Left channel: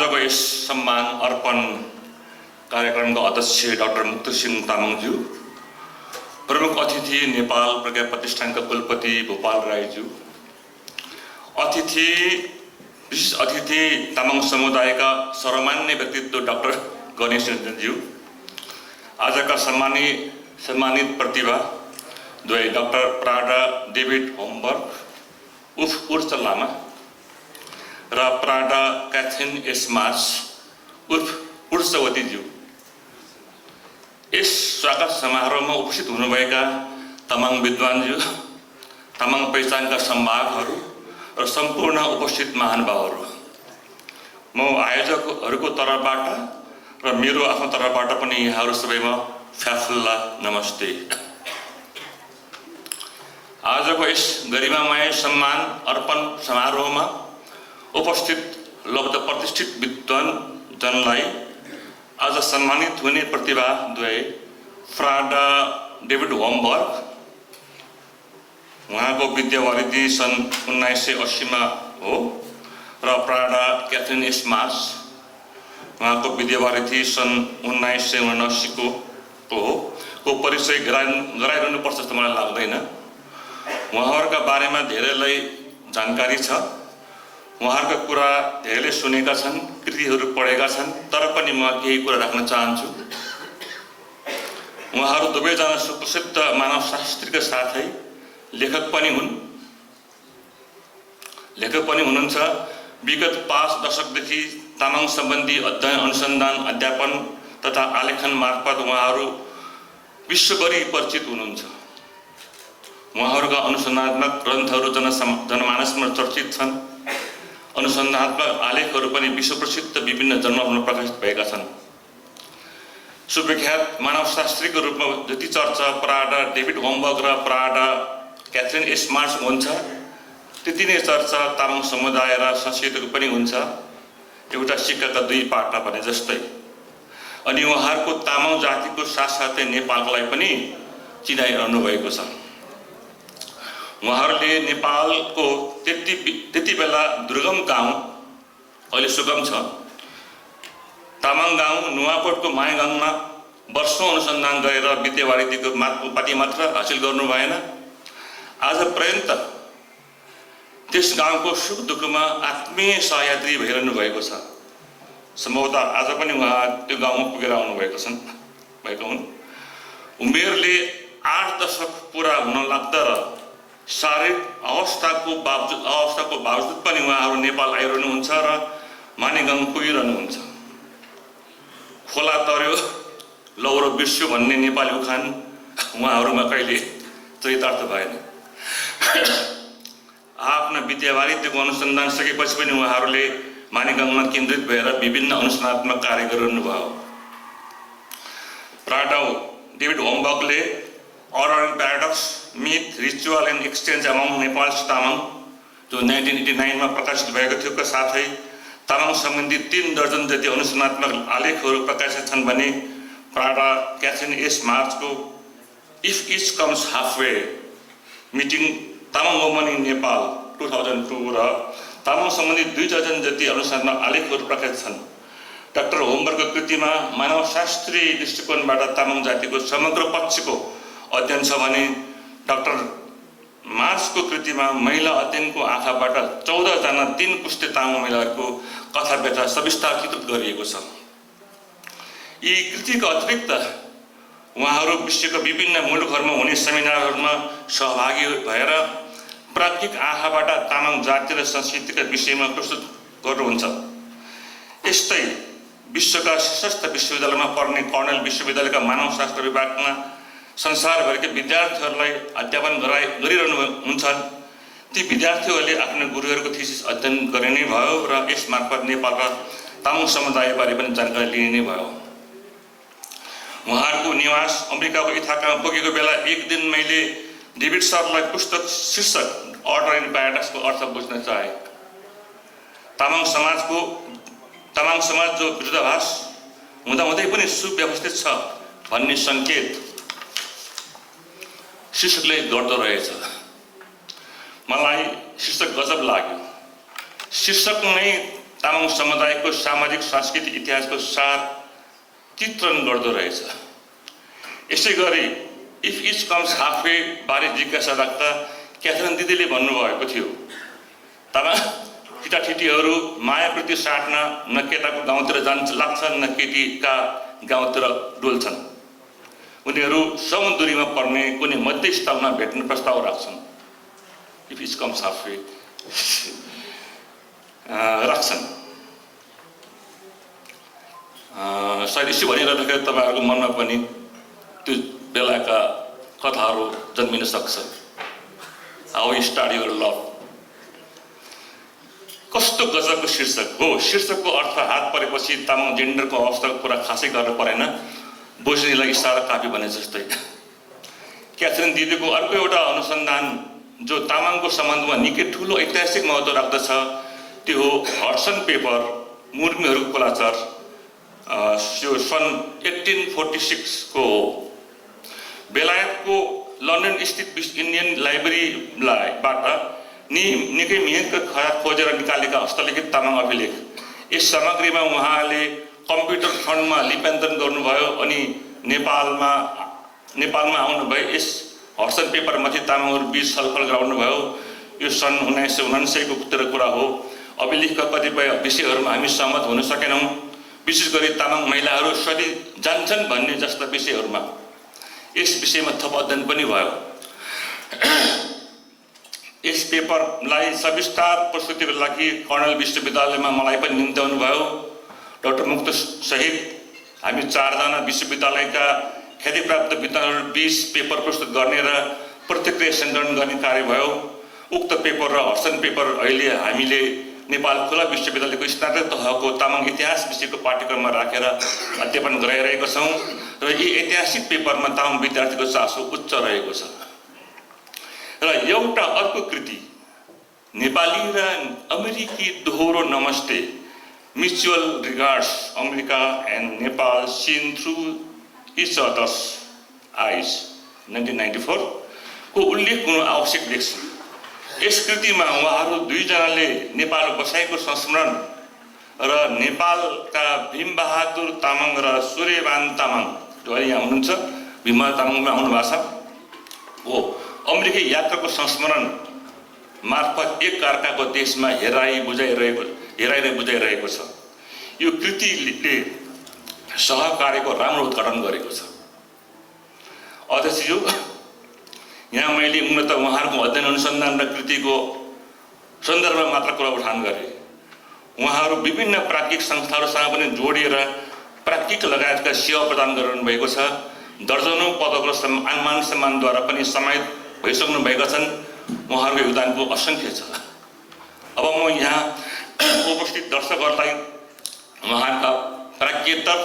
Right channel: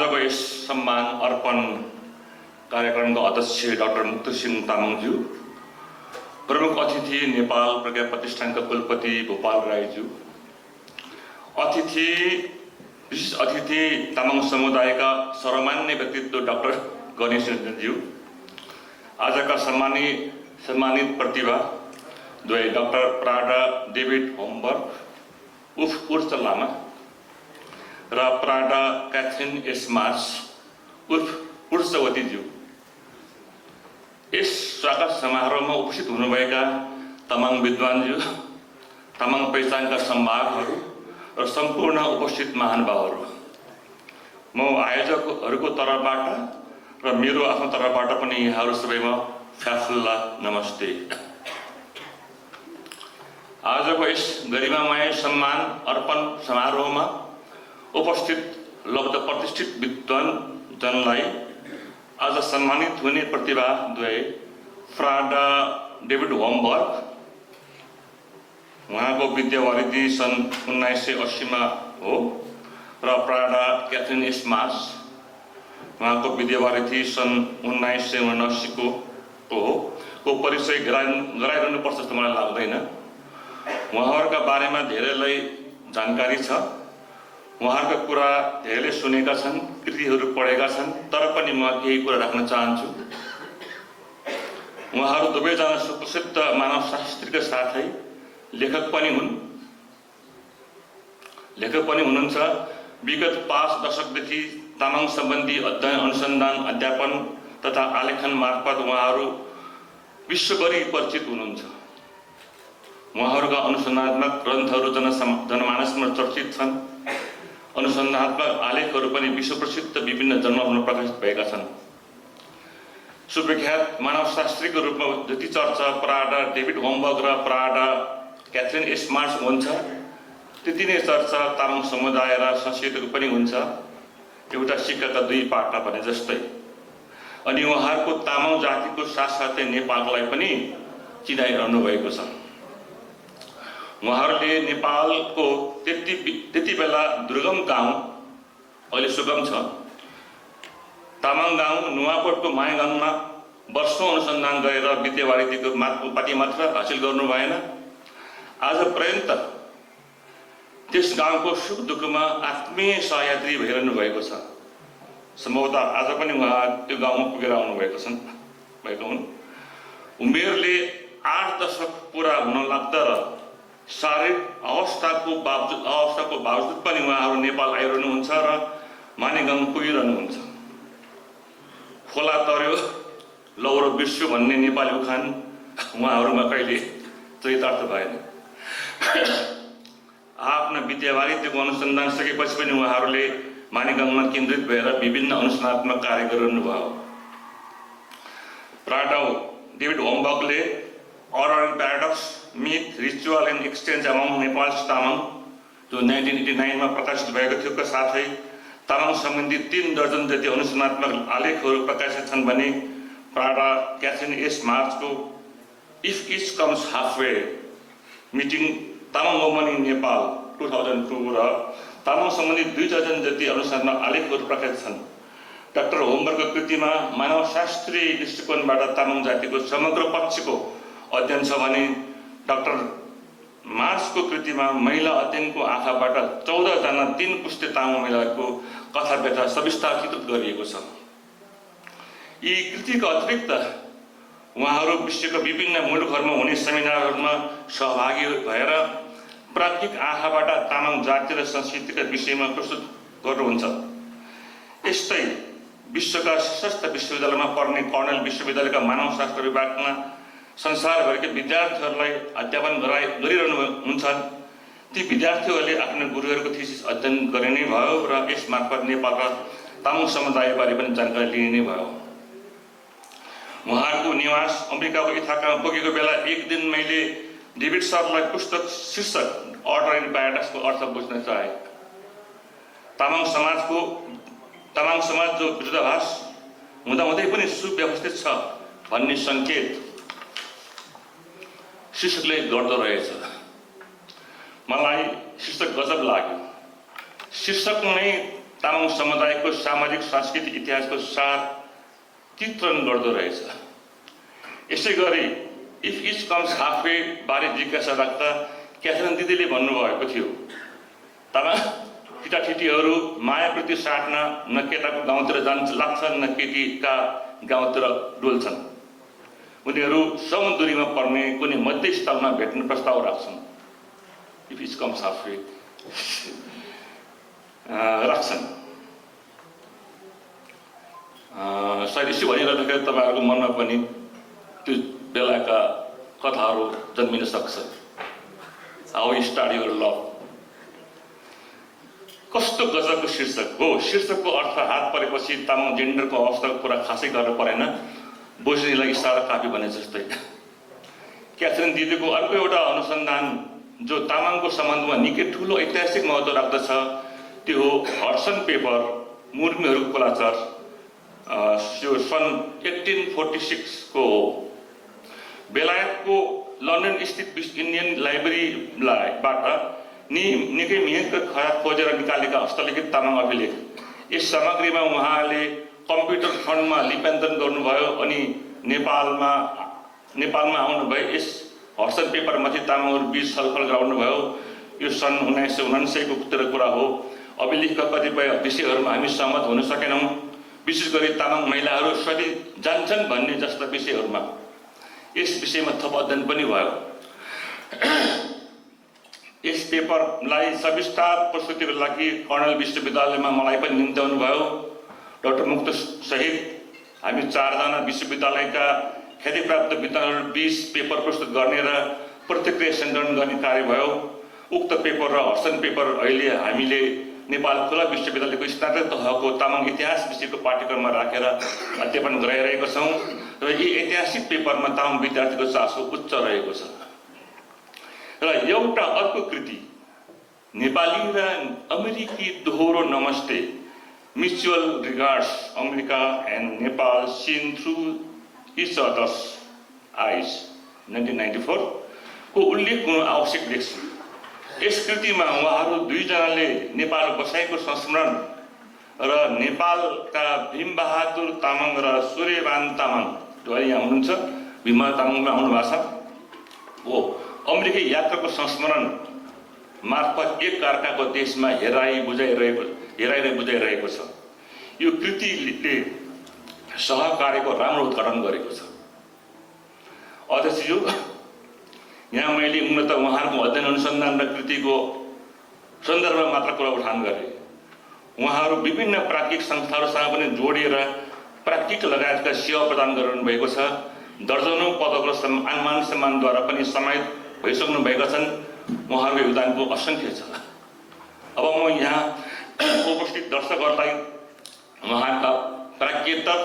आजको यस सम्मान अर्पण कार्यक्रमका अध्यक्ष डाक्टर मुक्तसिंह तामाङज्यू, प्रमुख अतिथि नेपाल प्रज्ञा प्रतिष्ठानका कुलपति भोपाल राईज्यू, विशेष अतिथि तामाङ समुदायका सर्वमान्य व्यक्तित्व डाक्टर गणेश रञ्जनज्यू, आजका सम्मानित प्रतिभा द्वय डाक्टर प्राडा डेभिड होमबर्ग उर्फ उर्च लामा र प्राडा क्याथरिन एस मार्स उर्फ उर्चवतीज्यू, यस स्वागत समारोहमा उपस्थित हुनुभएका तामाङ विद्वानज्यू, तामाङ पहिचानका सम्भागहरू र सम्पूर्ण उपस्थित महानुभावहरू, म आयोजकहरूको तर्फबाट र मेरो आफ्नो तर्फबाट पनि यहाँहरू सबैमा फ्याफुल्ला नमस्ते। आजको यस गरिमामय सम्मान अर्पण समारोहमा उपस्थित लब्ध प्रतिष्ठित विद्वानजनलाई आज सम्मानित हुने प्रतिभा द्वय प्राडा डेभिड होमबर्ग, उहाँको विद्यावारिधि सन् 1980 हो, र प्राडा क्याथरिन एस मार्स, उहाँको विद्यावारिधि सन् 1979 को परिचय गराइरहनुपर्छ जस्तो मलाई लाग्दैन। उहाँहरूका बारेमा धेरैलाई जानकारी छ, उहाँहरूका कुरा धेरैले सुनेका छन्, कृतिहरू पढेका छन्, तर पनि म केही कुरा राख्न चाहन्छु। उहाँहरू दुवैजना सुप्रसिद्ध मानवशास्त्रीका साथै लेखक पनि हुनुहुन्छ। विगत 5 दशकदेखि तामाङ सम्बन्धी अध्ययन, अनुसन्धान, अध्यापन तथा आलेखन मार्फत उहाँहरू विश्वभरि परिचित हुनुहुन्छ। उहाँहरूका अनुसन्धात्मक ग्रन्थहरू जनमानसमा चर्चित छन्। अनुसन्धात्मक आलेखहरू पनि विश्वप्रसिद्ध विभिन्न जर्नलमा प्रकाशित भएका छन्। सुविख्यात मानवशास्त्रीको रूपमा जति चर्चा प्राडा डेभिड होमबर्ग र प्राडा क्याथरिन एस मार्स हुन्छ, त्यति नै चर्चा तामाङ समुदाय र संस्कृतिको पनि हुन्छ, एउटा सिक्काका दुई पाटा भने जस्तै। अनि उहाँहरूको तामाङ जातिको साथसाथै नेपाललाई पनि चिनाइरहनु भएको छ। उहाँहरूले नेपालको त्यति बेला दुर्गम गाउँ, अहिले सुगम छ, तामाङ गाउँ नुवाकोटको मायागाङमा वर्षौं अनुसन्धान गरेर विद्यावारिधीको उपाधि मात्र हासिल गर्नु भएन, आज पर्यन्त त्यस गाउँको सुख दुःखमा आत्मीय सहयात्री भइरहनु भएको छ। सम्भवतः आज पनि उहाँ त्यो गाउँमा पुगेर आउनुभएको हुन्। उमेरले 8 दशक पुरा हुन लाग्दा र शारीरिक अवस्थाको बावजुद पनि उहाँहरू नेपाल आइरहनुहुन्छ र मानेगाउँ पुगिरहनुहुन्छ। खोला तर्यो लौरो बिर्स्यो भन्ने नेपाली उखान उहाँहरूमा कहिले चरितार्थ भएन। आफ्ना विद्यावारिधीको अनुसन्धान सकेपछि पनि उहाँहरूले मानेगाउँमा केन्द्रित भएर विभिन्न अनुसन्धात्मक कार्य गरिरहनुभयो। प्राडा डेभिड होमबर्गले order and paradox, myth, ritual and exchange among Nepal Tamang जो 1989 मा प्रकाशित भएको थियो का साथै तामाङ सम्बन्धी 3 दर्जन जति अनुसन्धात्मक आलेखहरू प्रकाशित छन् भने प्राडा क्याथरिन एस मार्चको if each comes halfway meeting Tamang woman in Nepal 2002 र तामाङ सम्बन्धी 2 दर्जन जति अनुसन्धात्मक आलेखहरू प्रकाशित छन्। डाक्टर होमबर्गको कृतिमा मानवशास्त्रीय दृष्टिकोणबाट तामाङ जातिको समग्र पक्षको अध्ययन छ भने डाक्टर मार्सको कृतिमा महिला अध्ययनको आँखाबाट 14 जना 3 पुस्ते तामाङ महिलाको कथा व्यथा सविस्तार चित्रित गरिएको छ। यी कृतिको अतिरिक्त उहाँहरू विश्वका विभिन्न मुलुकहरूमा हुने सेमिनारहरूमा सहभागी भएर प्राज्ञिक आँखाबाट तामाङ जाति र संस्कृतिका विषयमा प्रस्तुत गर्नुहुन्छ। यस्तै विश्वका शीर्षस्थ विश्वविद्यालयमा पढ्ने कर्नेल विश्वविद्यालयका मानवशास्त्र विभागमा संसारभरिका विद्यार्थीहरूलाई अध्यापन गरिरहनुहुन्छ। ती विद्यार्थीहरूले आफ्नो गुरुहरूको थिसिस अध्ययन गर्ने नै भयो र यस मार्फत नेपाल र तामाङ समुदायबारे पनि जानकारी लिने नै भयो। उहाँहरूको निवास अमेरिकाको इथाकामा पुगेको बेला एक दिन मैले डेभिड सरलाई पुस्तक शीर्षक अर्डर एन्ड पैराडॉक्सको अर्थ बुझ्न चाहे। तामाङ समाज जो विरोधाभास हुँदाहुँदै पनि सुव्यवस्थित छ भन्ने संकेत शीर्षकले गर्दो रहेछ। मलाई शीर्षक गजब लाग्यो। शीर्षक नै तामाङ समुदायको सामाजिक सांस्कृतिक इतिहासको सार चित्रण गर्दो रहेछ। यसै गरी इफ इच कम्स हाफवे बारे जिज्ञासा राख्दा क्याथरिन दिदीले भन्नुभएको थियो, तामाङ केटाठिटीहरू मायाप्रति साट्न न केटाको गाउँतिर लाग्छन् न केटीका गाउँतिर डुल्छन्। उनीहरू समुद्रीमा पर्ने कुनै मध्यस्थलमा भेट्ने प्रस्ताव राख्छन्। इफ इच कम्स हाफवे राख्छन्। सायद यसो भनिरहँदाखेरि तपाईँहरूको मनमा पनि त्यो बेलाका कथाहरू जन्मिन सक्छ। How you start your love. कस्तो गजबको शीर्षक हो। शीर्षकको अर्थ हात परेपछि तामाङ जेन्डरको अवस्थाको कुरा खासै गर्न परेन, बोझनीलाई इसारा काफी भने जस्तै। क्याथरिन दिदीको अर्को एउटा अनुसन्धान जो तामाङको सम्बन्धमा निकै ठुलो ऐतिहासिक महत्त्व राख्दछ त्यो हो हडसन पेपर मुर्मीहरूको कुलाचार। यो सन् 1846 को हो। बेलायतको लन्डन स्थित इन्डियन लाइब्रेरीबाट निकै मिहिनेत खोजेर निकालेका हस्तलिखित तामाङ अभिलेख। यस सामग्रीमा उहाँले कम्प्युटर फन्डमा लिप्यान्तरण गर्नुभयो अनि नेपालमा आउनुभयो। यस हडसन पेपरमाथि तामाङहरू बीच छलफल गराउनुभयो। यो सन् 1999 को कुरा हो। अभिलेखका कतिपय विषयहरूमा हामी सहमत हुन सकेनौँ, विशेष गरी तामाङ महिलाहरू सधैँ जान्छन् भन्ने जस्ता विषयहरूमा। यस विषयमा थप अध्ययन पनि भयो। यस पेपरलाई सविस्तार प्रस्तुतिको लागि कर्णेल विश्वविद्यालयमा मलाई पनि निम्त्याउनु भयो। डाक्टर मुक्त सहित हामी 4 जना विश्वविद्यालयका ख्यातिप्राप्त विद्वानहरू 20 पेपर प्रस्तुत गर्ने र प्रतिक्रिया सङ्कलन गर्ने कार्य भयो। उक्त पेपर र हडसन पेपर अहिले हामीले नेपाल खुला विश्वविद्यालयको स्नातक तहको तामाङ इतिहास विषयको पाठ्यक्रममा राखेर अध्ययन गराइरहेका छौँ र यी ऐतिहासिक पेपरमा तामाङ विद्यार्थीको चासो उच्च रहेको छ। र एउटा अर्को कृति नेपाली र अमेरिकी दोहोरो नमस्ते mutual regards America and Nepal seen through each other's eyes 1994 को उल्लेख हुनु आवश्यक देख्छु। यस कृतिमा उहाँहरू 2 जनाले नेपाल बसाइको संस्मरण र नेपालका भीमबहादुर तामाङ र सूर्यबान तामाङ जो अहिले यहाँ हुनुहुन्छ, भीमबहादुर तामाङमा आउनु भएको छ, हो अमेरिकी यात्राको संस्मरण मार्फत एक अर्काको देशमा हेराइ बुझाइरहेको छ। यो कृतिले सहकार्यको राम्रो उद्घाटन गरेको छ। अध्यक्षज्यू, यहाँ मैले मूलतः उहाँहरूको अध्ययन अनुसन्धान र कृतिको सन्दर्भमा मात्र कुरा उठान गरेँ। उहाँहरू विभिन्न प्राज्ञिक संस्थाहरूसँग पनि जोडिएर प्राज्ञिक लगायतका सेवा प्रदान गरिरहनु भएको छ। दर्जनौं पदक र मान सम्मानद्वारा पनि सम्मानित भइसक्नु भएका छन्। उहाँहरूको योगदानको असङ्ख्य छ। अब म यहाँ उपस्थित दर्शकहरूलाई उहाँका प्राज्ञतर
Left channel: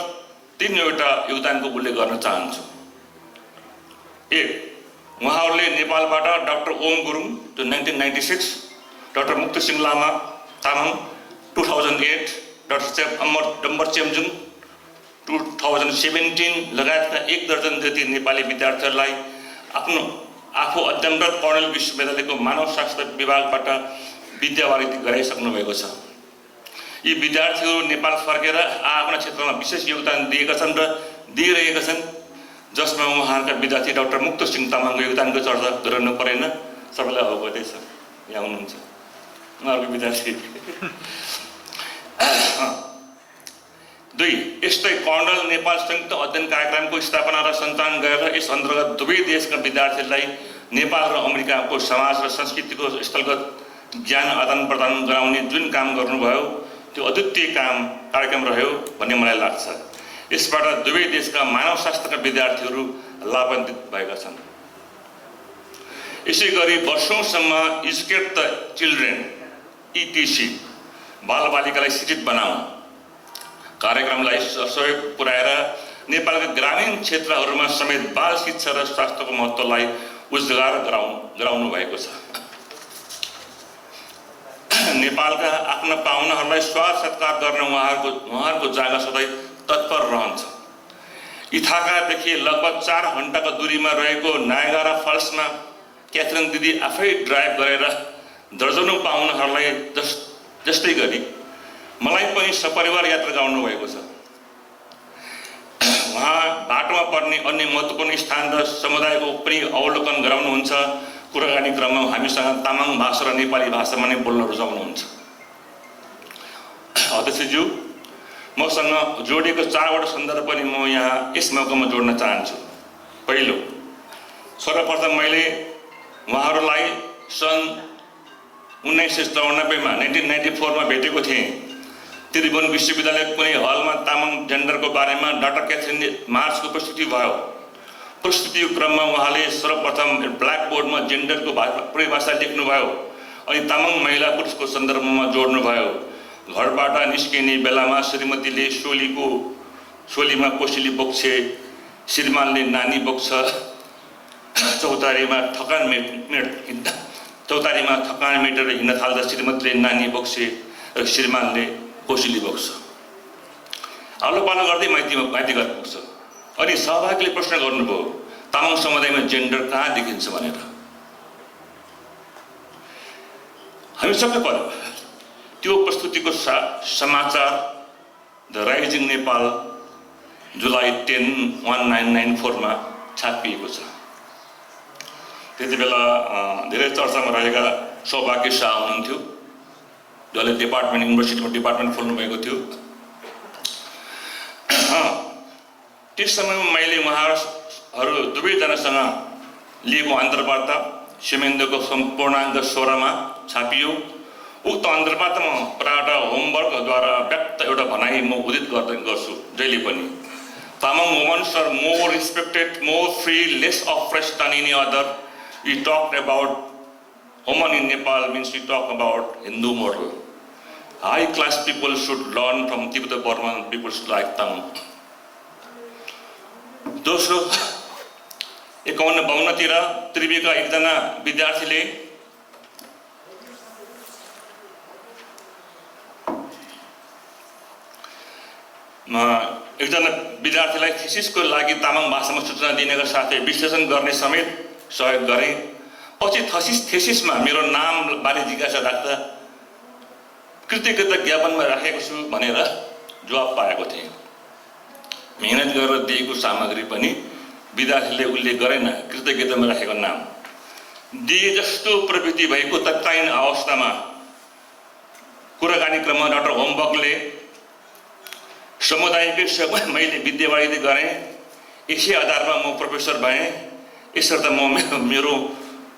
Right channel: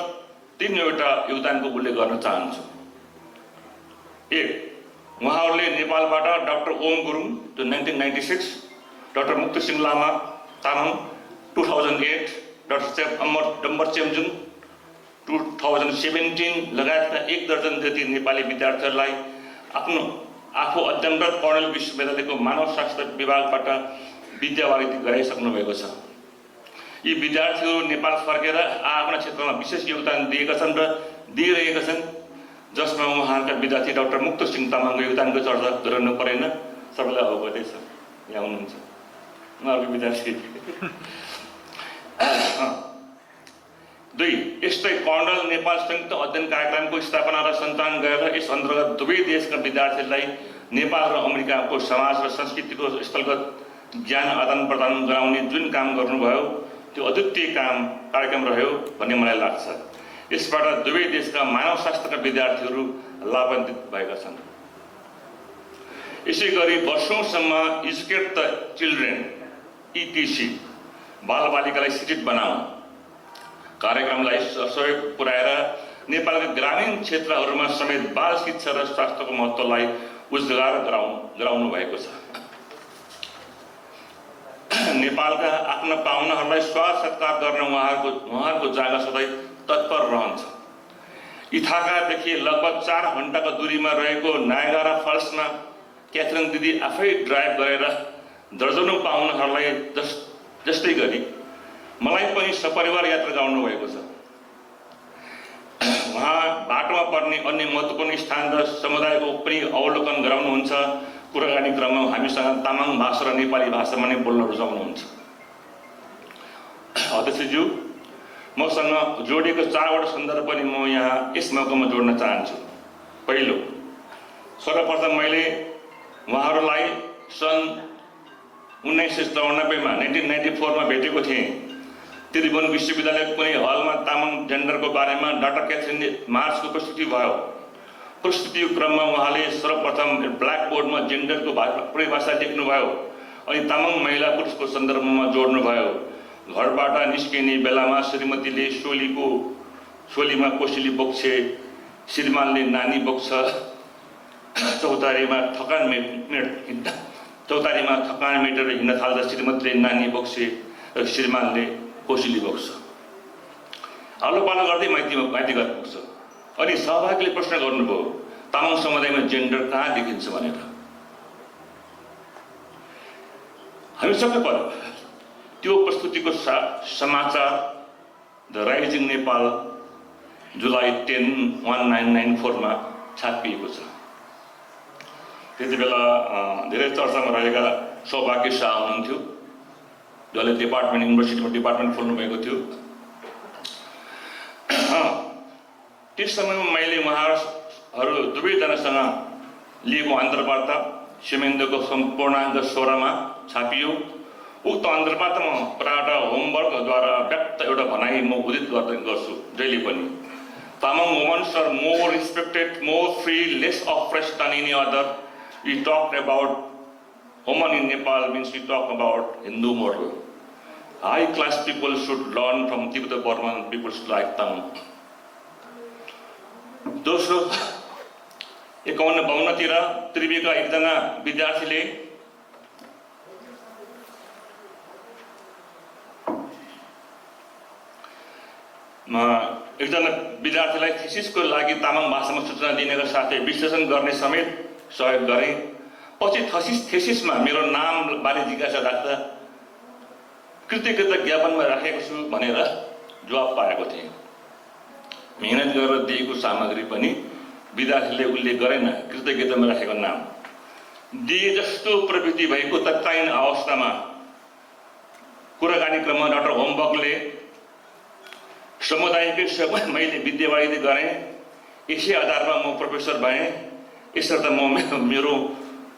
3वटा योगदानको उल्लेख गर्न चाहन्छु। 1, उहाँहरूले नेपालबाट डाक्टर ओम गुरुङ जो 1996, डाक्टर मुक्तसिंह लामा तामाङ 2008, डाक्टर डम्बर चेम्जुङ 2017 लगायतका 1 दर्जन जति नेपाली विद्यार्थीहरूलाई आफू अध्ययनरत कर्णेल विश्वविद्यालयको मानवशास्त्र विभागबाट विद्यावारिधि गराइसक्नु भएको छ। यी विद्यार्थीहरू नेपाल फर्केर आफ्ना क्षेत्रमा विशेष योगदान दिएका छन् र दिइरहेका छन्, जसमा उहाँहरूका विद्यार्थी डाक्टर मुक्तसिंह तामाङको योगदानको चर्चा गरिरहनु परेन, सबैलाई अवगतै छ। यहाँ हुनुहुन्छ उहाँहरूको विद्यार्थी। 2, यस्तै कर्णेल नेपाल संयुक्त अध्ययन कार्यक्रमको स्थापना र सञ्चालन गरेर यस अन्तर्गत दुवै देशका विद्यार्थीहरूलाई नेपाल र अमेरिकाको समाज र संस्कृतिको स्थलगत ज्ञान आदान प्रदान गराउने जुन काम गर्नुभयो त्यो अद्वितीय कार्यक्रम रह्यो भन्ने मलाई लाग्छ। यसबाट दुवै देशका मानवशास्त्रका विद्यार्थीहरू लाभान्वित भएका छन्। यसै गरी वर्षौंसम्म एजुकेट द चिल्ड्रेन ETC बालबालिकालाई शिक्षित बनाउन कार्यक्रमलाई सहयोग पुर्याएर नेपालका ग्रामीण क्षेत्रहरूमा समेत बाल शिक्षा र स्वास्थ्यको महत्त्वलाई उजागर गराउनु भएको छ। नेपालका आफ्ना पाहुनाहरूलाई स्वागत सत्कार गर्न उहाँहरूको जागा सधैँ तत्पर रहन्छ। इथाकादेखि लगभग 4 घण्टाको दूरीमा रहेको नायगारा फल्समा क्याथरिन दिदी आफै ड्राइभ गरेर दर्जनौं पाहुनाहरूलाई जस्तै गरी मलाई पनि सपरिवार यात्रा गाउनु भएको छ। उहाँ बाटोमा पर्ने अन्य महत्त्वपूर्ण स्थान र समुदायको पनि अवलोकन गराउनुहुन्छ। कुराकानी क्रममा हामीसँग तामाङ भाषा र नेपाली भाषामा नै बोल्न रुचाउनुहुन्छ। अध्यक्षज्यू, मसँग जोडिएको 4वटा सन्दर्भ पनि म यहाँ यस मौकामा जोड्न चाहन्छु। पहिलो, सर्वप्रथम मैले उहाँहरूलाई सन् 1994 मा 1994 मा भेटेको थिएँ। त्रिभुवन विश्वविद्यालयको कुनै हलमा तामाङ जेन्डरको बारेमा डाक्टर क्याथरिन मार्चको प्रस्तुति भयो। प्रस्तुतिको क्रममा उहाँले सर्वप्रथम ब्ल्याकबोर्डमा जेन्डरको परिभाषा लेख्नुभयो अनि तामाङ महिला पुरुषको सन्दर्भमा जोड्नुभयो। घरबाट निस्किने बेलामा श्रीमतीले सोलीमा कोसेली बोक्छे, श्रीमानले नानी बोक्छ, चौतारीमा थकान मेटेर हिँड्न थाल्दा श्रीमतीले नानी बोक्छे र श्रीमानले कोसेली बोक्छ। आलोपालो गर्दै माइती घर पुग्छ। अनि सहभागीले प्रश्न गर्नुभयो, तामाङ समुदायमा जेन्डर कहाँ देखिन्छ भनेर। हामी सबै पढ्यौँ। त्यो प्रस्तुतिको समाचार द राइजिङ नेपाल जुलाई 10, 1994 मा छापिएको छ। त्यति बेला धेरै चर्चामा रहेका सौभाग्य शाह हुनुहुन्थ्यो, जसले युनिभर्सिटीमा डिपार्टमेन्ट खोल्नु भएको थियो। त्यस समयमा मैले उहाँहरू दुवैजनासँग लिएको अन्तर्वार्ता सेमेन्दको सम्पूर्णाङ्क 16 मा छापियो। उक्त अन्तर्वार्तामा प्रायः होमवर्कद्वारा व्यक्त एउटा भनाइ म उदित गर्छु जहिले पनि। Tamang womens are more respected, more free, less oppressed than any other. We talked about women in Nepal means we talk about Hindu model. High class people should learn from Tibetan-Burman peoples like Tamang. दोस्रो, 51-52 तिर त्रिवेका एकजना विद्यार्थीले विद्यार्थीलाई थेसिसको लागि तामाङ भाषामा सूचना दिनेका साथै विश्लेषण गर्ने समेत सहयोग गरे। पछि थेसिसमा मेरो नाम बारे जिज्ञासा राख्दा कृतज्ञता ज्ञापनमा राखेको छु भनेर जवाब पाएको थिएँ। मेहनत गरेर दिएको सामग्री पनि विद्यार्थीले उल्लेख गरेन कृतज्ञतामा राखेको नाम। दिए जस्तो प्रवृत्ति भएको तत्कालीन अवस्थामा कुराकानी क्रममा डाक्टर होमवर्कले समुदायकै सबै मैले विद्यावारिधि गरेँ, यसै आधारमा म प्रोफेसर भएँ। यसर्थ म मेरो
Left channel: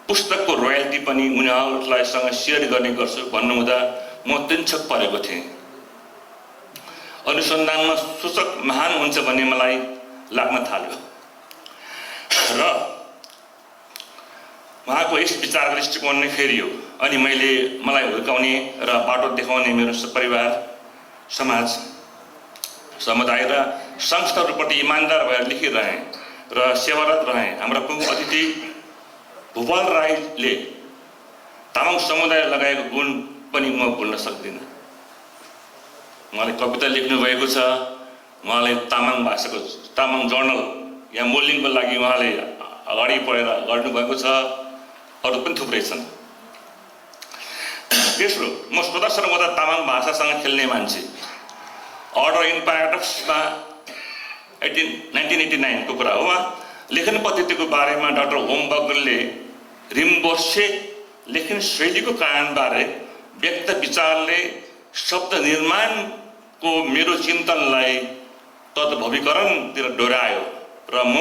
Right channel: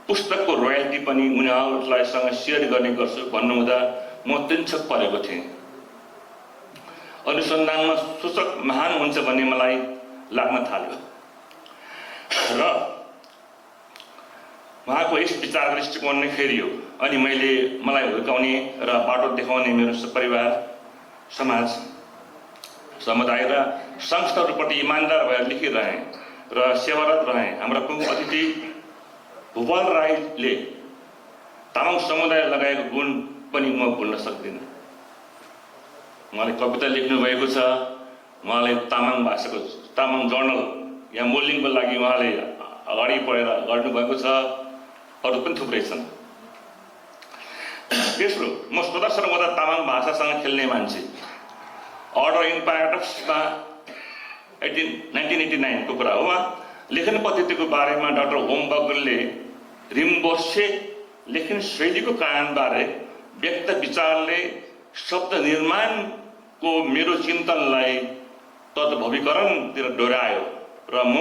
पुस्तकको रोयल्टी पनि उनीहरूलाई सेयर गर्ने गर्छु भन्नुहुँदा म तिनछक परेको थिएँ। अनुसन्धानमा सूचक महान हुन्छ भन्ने मलाई लाग्न थाल्यो र उहाँको यस विचार दृष्टिकोण नै फेरियो। अनि मलाई हुर्काउने र बाटो देखाउने मेरो परिवार, समाज, समुदाय र संस्थाहरूप्रति इमान्दार भएर लेखिरहेँ र सेवारत रहेँ। हाम्रा प्रमुख अतिथि भूपाल राईले तामाङ समुदाय लगाएको गुण पनि म भुल्न सक्दिनँ। उहाँले कविता लेख्नु भएको छ, उहाँले तामाङ भाषाको तामाङ जर्नल यहाँ मोल्डिङको लागि उहाँले अगाडि पढेर गर्नुभएको छ। अरू पनि थुप्रै छन्। तेस्रो, म सदा सर्वदा तामाङ भाषासँग खेल्ने मान्छे। अर्डर इन प्याराडक्समा 1989 को कुरा हो। लेखन पद्धतिको बारेमा डाक्टर होमवर्कले रिम्बोसे लेखन शैलीको कारणबारे व्यक्त विचारले शब्द निर्माणको मेरो चिन्तनलाई तद्भवीकरणतिर डोर्यायो र म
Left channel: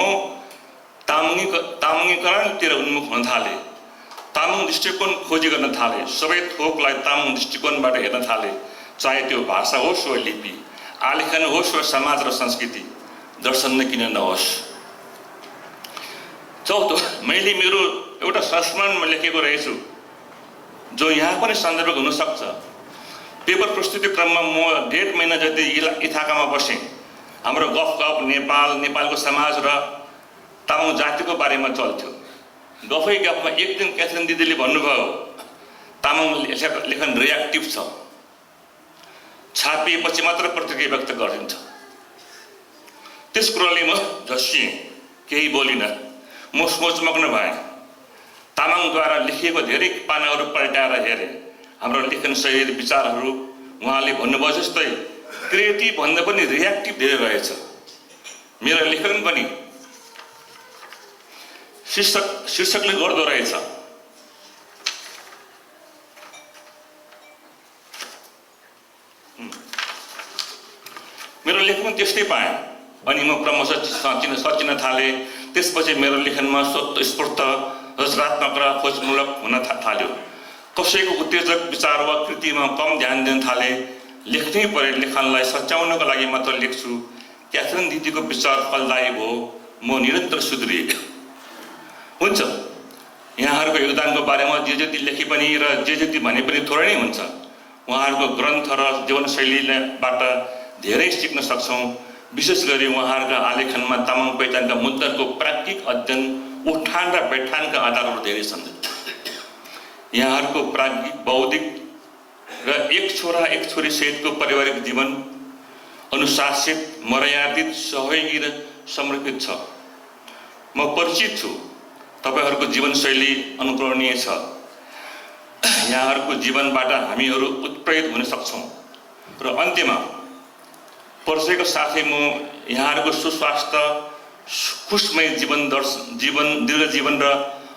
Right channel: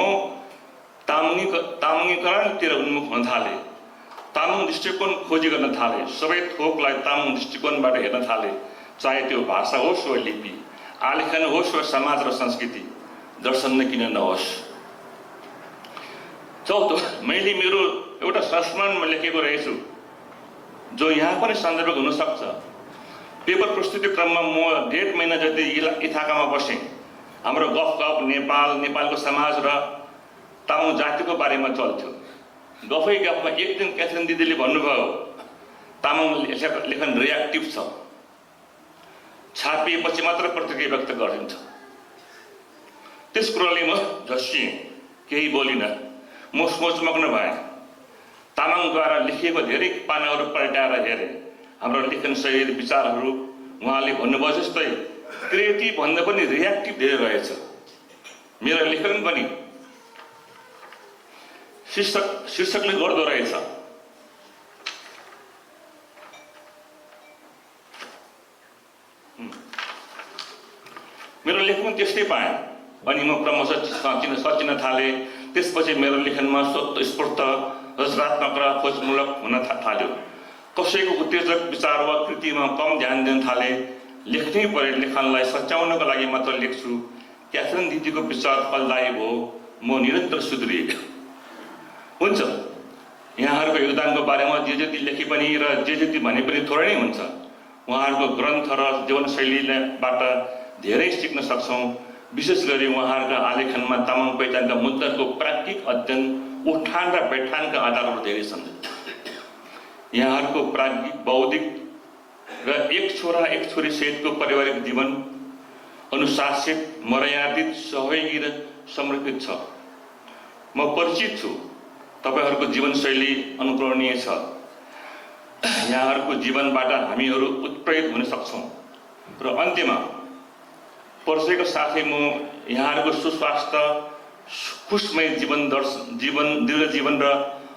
तामाङीकरणतिर उन्मुख हुन थाले। तामाङ दृष्टिकोण खोजी गर्न थाले। सबै थोकलाई तामाङ दृष्टिकोणबाट हेर्न थाले, चाहे त्यो भाषा होस् वा लिपि, आलेखन होस् वा समाज र संस्कृति, दर्शन नै किन नहोस्। चौथो, मैले मेरो एउटा संस्मरणमा लेखेको रहेछु जो यहाँ पनि सन्दर्भ हुन सक्छ। पेपर प्रस्तुति क्रममा म 1.5 महिना जति इथाकामा बसेँ। हाम्रो गफ नेपालको समाज र तामाङ जातिको बारेमा चल्थ्यो। गफै गफमा एक दिन क्याथरिन दिदीले भन्नुभयो, तामाङ लेखन रियाक्टिभ छ, छापिएपछि मात्र प्रतिक्रिया व्यक्त गरिन्छ। त्यस कुराले म झस्सिएँ, केही बोलिनँ। म सोचमग्न भएँ। तामाङद्वारा लेखिएको धेरै पानाहरू पल्टाएर हेरेँ। हाम्रो लेखन शैली, विचारहरू उहाँले भन्नुभयो जस्तै क्रिएटिभ भन्दा पनि रियाक्टिभ धेरै रहेछ। मेरो लेखन पनि शीर्षकले गर्दो रहेछ। मेरो लेखन त्यस्तै पाएँ अनि म क्रमशः सचिन थालेँ। त्यसपछि मेरो लेखनमा स्वतस्फूर्त रचनात्मक र खोजमूलक हुन थाल्यो। कसैको उत्तेजक विचार वा कृतिमा कम ध्यान दिन थाले। लेख्नै परे लेखनलाई सच्याउनको लागि मात्र लेख्छु। क्याथरिन दिदीको विचार फलदायी भयो। म निरन्तर सुध्रिएँ। हुन्छ, यहाँहरूको योगदानको बारेमा जे जति लेखे पनि र जे जति भने पनि थोरै नै हुन्छ। उहाँहरूको ग्रन्थ र जीवनशैलीबाट धेरै सिक्न सक्छौँ। विशेष गरी उहाँहरूका आलेखनमा तामाङ पहिचानका मुद्दाको प्राज्ञिक अध्ययन, उठान र बैठानका आधारहरू धेरै छन्। यहाँहरूको प्राज्ञिक, बौद्धिक र एक छोरा एक छोरी सहितको पारिवारिक जीवन अनुशासित, मर्यादित, सहयोगी र समर्पित छ। म परिचित छु। तपाईहरूको जीवनशैली अनुकरणीय छ। यहाँहरूको जीवनबाट हामीहरू उत्प्रेरित हुन सक्छौँ। र अन्त्यमा परिचयको साथै म यहाँहरूको सुस्वास्थ्य, खुशमय दीर्घ जीवन र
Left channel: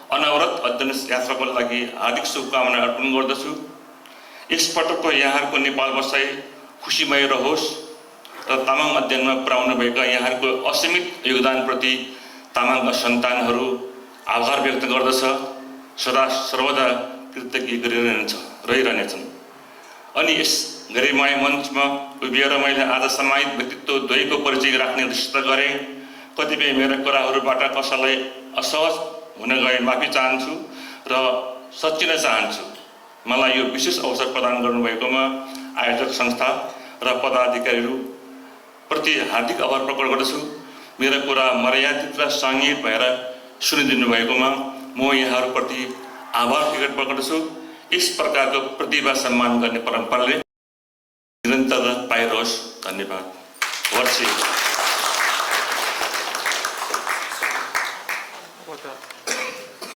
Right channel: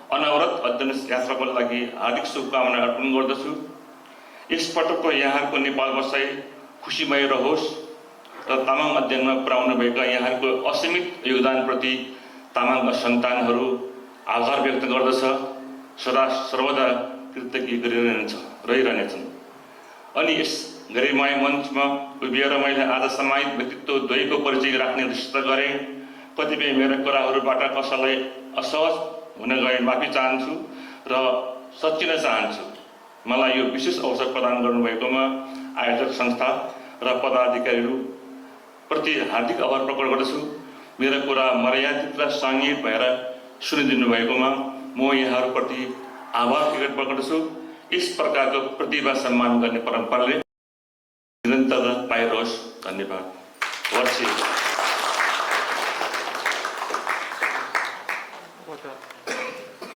अनवरत अध्ययन यात्राको लागि हार्दिक शुभकामना अर्पण गर्दछु। यसपटकको यहाँहरूको नेपाल बसाइ खुसीमय रहोस् र तामाङ अध्ययनमा पुर्याउनु भएका यहाँहरूको असीमित योगदानप्रति तामाङका सन्तानहरू आभार व्यक्त गर्दछ। सदा सर्वदा कृतज्ञ रहिरहनेछन्। अनि यस गरिमामय मञ्चमा उभिएर मैले आज सामायिक व्यक्तित्व द्वयको परिचय राख्ने निश्चित गरेँ। कतिपय मेरा कुराहरूबाट कसैलाई असहज हुन गए माफी चाहन्छु र सच्चिन चाहन्छु। मलाई यो विशेष अवसर प्रदान गर्नुभएकोमा आयोजक संस्था र पदाधिकारीहरू प्रति हार्दिक आभार प्रकट गर्दछु। मेरो कुरा मर्यादित र सङ्गीत भएर सुनिदिनु भएकोमा म यहाँहरूप्रति आभार प्रकट गर्दछु। यस प्रकारको प्रतिभा सम्मान गर्ने परम्पराले निरन्तर पाइरहोस्। धन्यवाद। वर्षी